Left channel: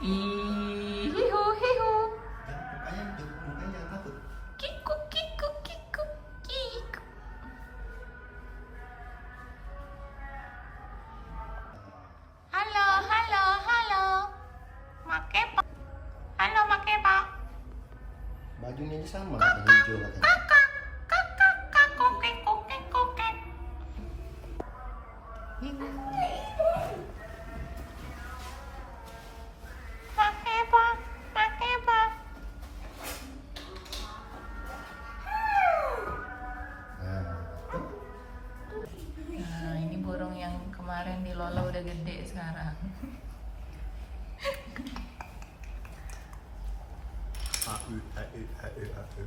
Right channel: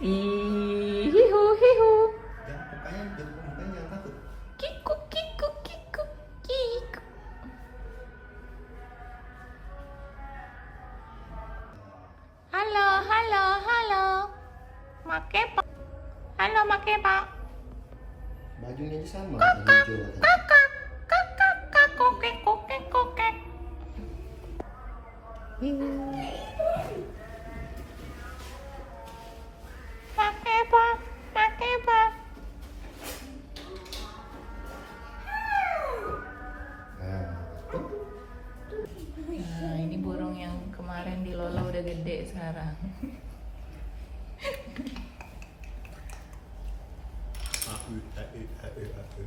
Hihu hihu. Ya, mukanya apa tuh? Kiku kiku kiku kiku. Halo halo halo. Makepa. Halo Makepa. Bajunya aja sama, warna hijau katanya. Kakak kakak kakak kokek kokek kokek. Makepa Makepa. Nah, ini burung yang kemarin di Lolo udah gede sekarang. A U A U A U A U.